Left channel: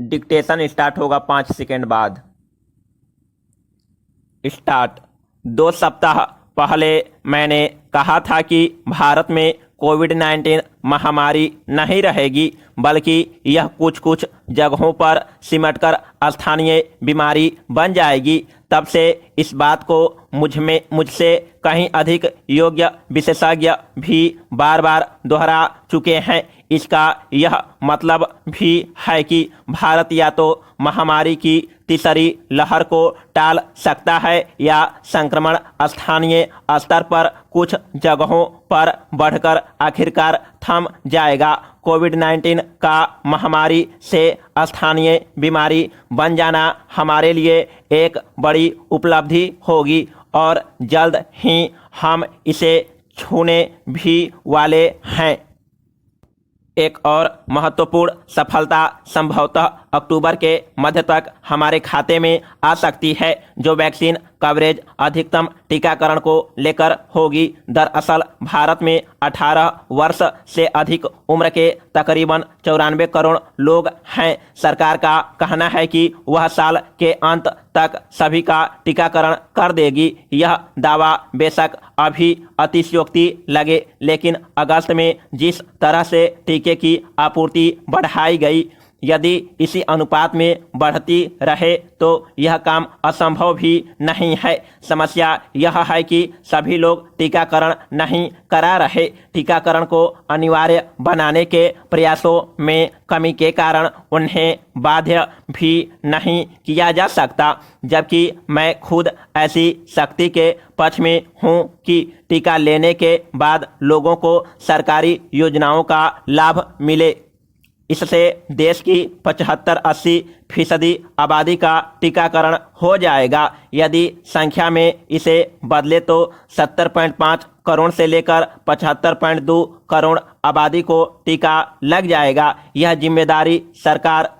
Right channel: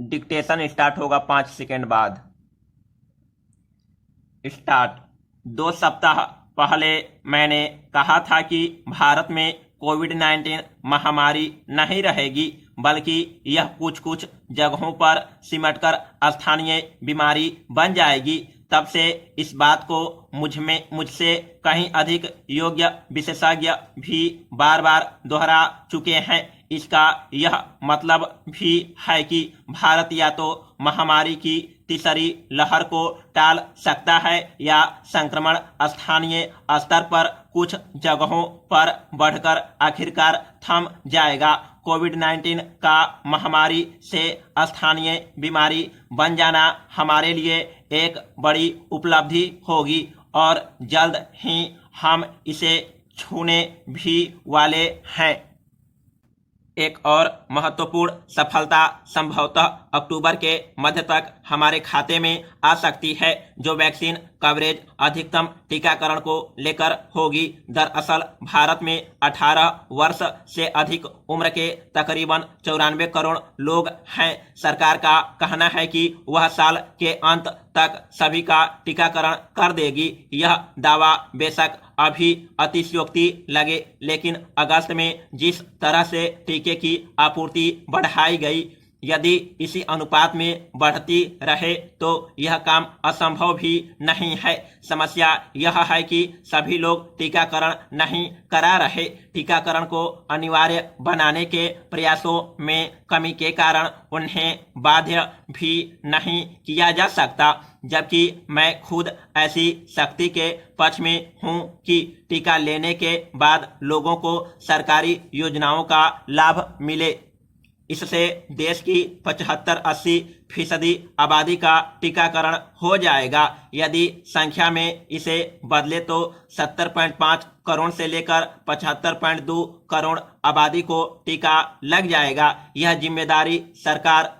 Dictation start होगा 5 second बाद। Start. 2 सप्ताह पहले मैंने कहा था कि भारत में कोविड-19 महामारी नहीं रहेगी, बल्कि यह कुछ कुछ जगहों पर सिमटकर स्थानीय बीमारी बन जाएगी। तब से इस बात को मुझसे कहीं अधिक योग्य विशेषज्ञ भी बार बार दोहरा चुके हैं। इसका यह मतलब भी है कि भारत या तो महामारी की तीसरी लहर को टाल सकता है या संक्रमण स्थानीय स्तर पर कुछ जगहों पर बढ़कर आखिरकार थम जाएगा। कोविड-19 का महामारी से स्थानीय बीमारी बन जाना हमारे लिए एक बड़ी उपलब्धि होगी और जल्द ही हम इसे छूने भी वाले हैं। एक और महत्वपूर्ण सफलता संभवतः अक्टूबर के मध्य तक हमारे खाते में आ सकती है, जो वैक्सीन कवरेज अधिकतम टीकाकरण को लेकर होगी। दरअसल भारत में 18 वर्ष से अधिक उम्र के तकरीबन 94 करोड़ लोग हैं। सरकार का कहना है कि वह साल के अंत तक सभी का टीकाकरण कर देगी। यह दावा बेशक अभी अतिशयोक्ति लगे, लेकिन अगस्त में जिस तरह से टीके की आपूर्ति बढ़ाई गई, यदि इसी अनुपात में बढ़ती रहे तो यह काम असंभव भी नहीं है। समस्या यह है कि सभी लोग टीकाकरण नहीं करा रहे। टीकाकरण को अनिवार्य बनाने के प्रयासों में कमी के कारण उन्हें बाध्य भी नहीं किया जा सकता, जबकि मैं खुद ऐसी सख्ती के पक्ष में हूं कि टीका लेने के बाद लोगों को सरकारी योजनाओं का लाभ मिले। इससे देश की 75-80% आबादी का टीकाकरण हो जाएगा। यदि संख्या में इसे बदले तो 70.5 करोड़ से लेकर 75.2 करोड़ आबादी को टीका लग जाएगा। यह जिम्मेदारी सरकार,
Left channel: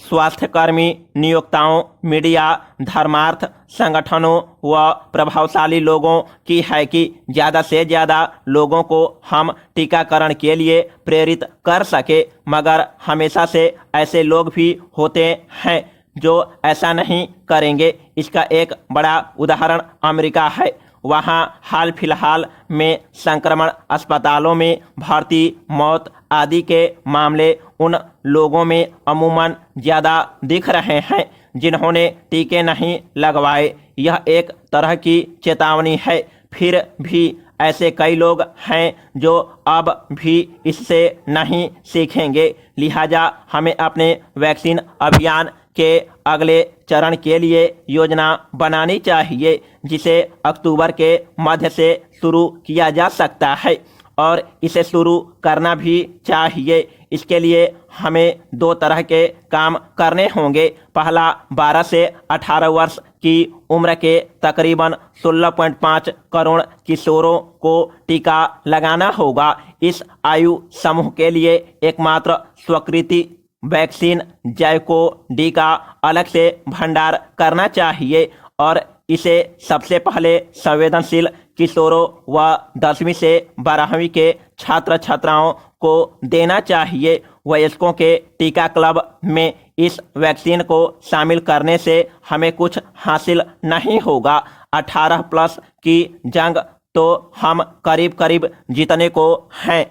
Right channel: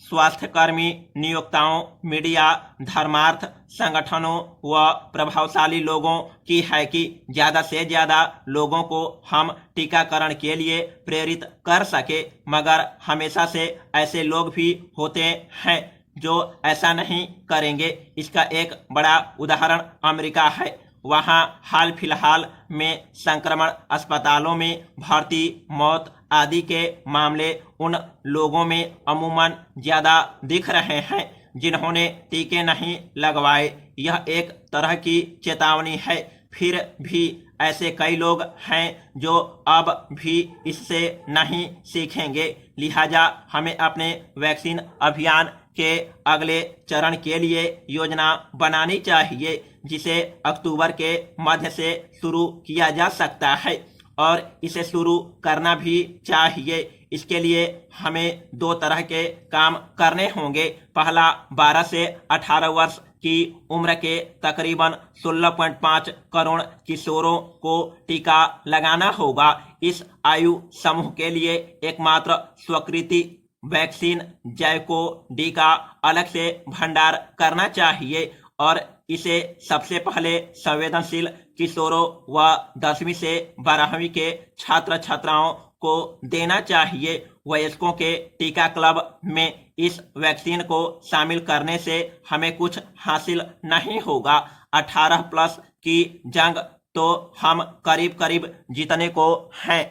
स्वास्थ्यकर्मी, नियोक्ताओं, मीडिया, धर्मार्थ संगठनों व प्रभावशाली लोगों की है कि ज़्यादा से ज़्यादा लोगों को हम टीकाकरण के लिए प्रेरित कर सके। मगर हमेशा से ऐसे लोग भी होते हैं जो ऐसा नहीं करेंगे। इसका एक बड़ा उदाहरण अमेरिका है। वहाँ हाल फिलहाल में संक्रमण, अस्पतालों में भर्ती, मौत आदि के मामले उन लोगों में अमूमन ज़्यादा दिख रहे हैं जिन्होंने टीके नहीं लगवाए। यह एक तरह की चेतावनी है। फिर भी ऐसे कई लोग हैं जो अब भी इससे नहीं सीखेंगे। लिहाजा हमें अपने वैक्सीन अभियान के अगले चरण के लिए योजना बनानी चाहिए, जिसे अक्टूबर के मध्य से शुरू किया जा सकता है और इसे शुरू करना भी चाहिए। इसके लिए हमें 2 तरह के काम करने होंगे। पहला, 12 से 18 वर्ष की उम्र के तकरीबन 16.5 करोड़ किशोरों को टीका लगाना होगा। इस आयु समूह के लिए एकमात्र स्वीकृति वैक्सीन जैवको-डी का अलग से भंडार करना चाहिए और इसे सबसे पहले संवेदनशील किशोरों व 10वीं से 12वीं के छात्र छात्राओं को देना चाहिए। वयस्कों के टीका क्लब में इस वैक्सीन को शामिल करने से हमें कुछ हासिल नहीं होगा। 18 प्लस की जंग तो हम करीब करीब जीतने को हैं।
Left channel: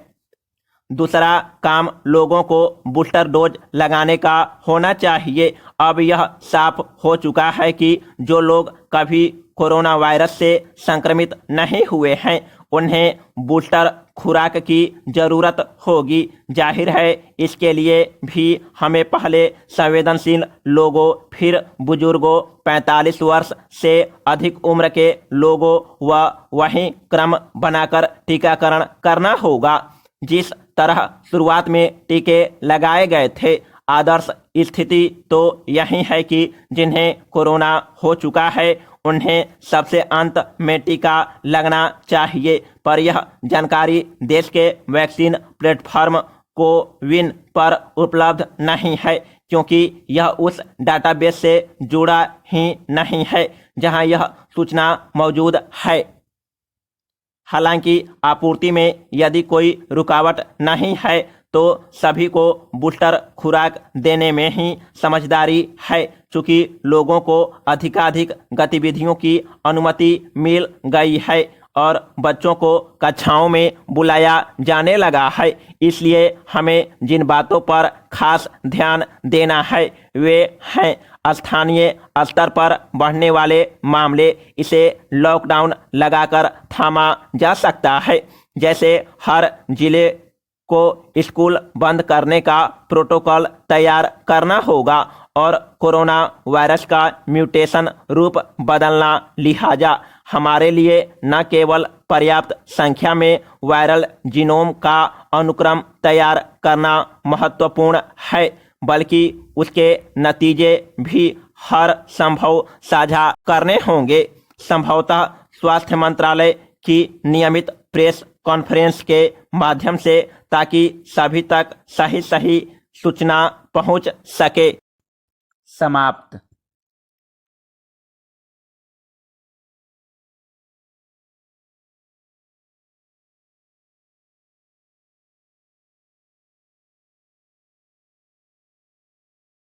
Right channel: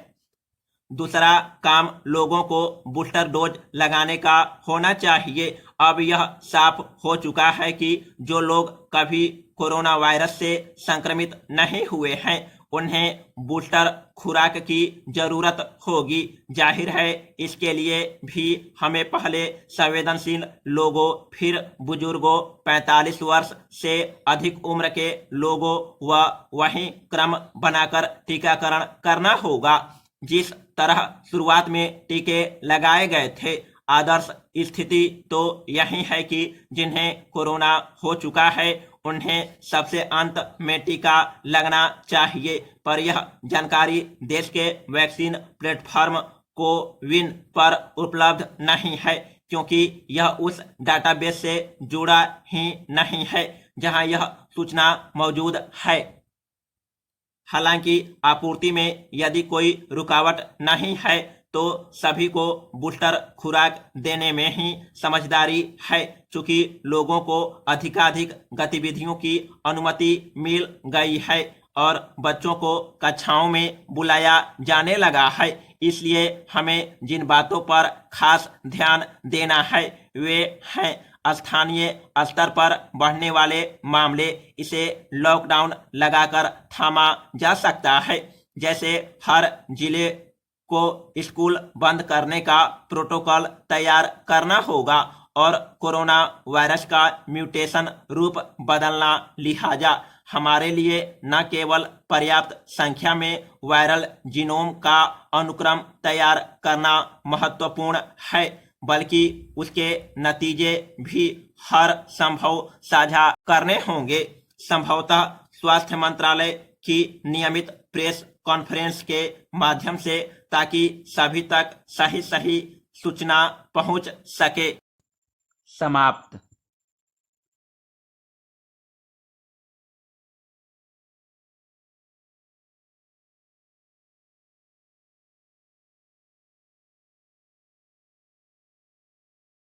दूसरा काम लोगों को बूस्टर डोज लगाने का होना चाहिए। अब यह साफ हो चुका है कि जो लोग कभी कोरोना वायरस से संक्रमित नहीं हुए हैं उन्हें बूस्टर खुराक की जरूरत होगी। जाहिर है इसके लिए भी हमें पहले संवेदनशील लोगों, फिर बुजुर्गों, 45 वर्ष से अधिक उम्र के लोगों व वहीं क्रम बनाकर टीकाकरण करना होगा। जिस तरह शुरुआत में टीके लगाए गए थे, आदर्श स्थिति तो यही है कि जिन्हें कोरोना हो चुका है उन्हें सबसे अंत में टीका लगना चाहिए। पर यह जानकारी देश के वैक्सीन प्लेटफॉर्म कोविन पर उपलब्ध नहीं है, क्योंकि यह उस डाटाबेस से जुड़ा ही नहीं है जहां यह सूचना मौजूद है। हालांकि आपूर्ति में यदि कोई रुकावट नहीं है तो सभी को बूस्टर खुराक देने में ही समझदारी है। चूंकि लोगों को अधिकाधिक गतिविधियों की अनुमति मिल गई है और बच्चों को कक्षाओं में बुलाया जाने लगा है, इसलिए हमें जिन बातों पर खास ध्यान देना है वे हैं स्थानीय स्तर पर बढ़ने वाले मामले। इसे लॉकडाउन लगाकर थामा जा सकता है। जैसे हर जिले को स्कूल बंद करने का प्रोटोकॉल तैयार करना होगा और कोरोना वायरस का म्यूटेशन रूप बदलना, लिहाजा हमारे लिए न केवल पर्याप्त संख्या में वायरल जीनोम का अनुक्रम तैयार करना महत्वपूर्ण है, बल्कि उसके नतीजे भी हर संभव साझा करने होंगे, संभवतः स्वास्थ्य मंत्रालय की नियमित प्रेस कॉन्फ्रेंस के माध्यम से, ताकि सभी तक सही सूचना पहुंच सके। समाप्त।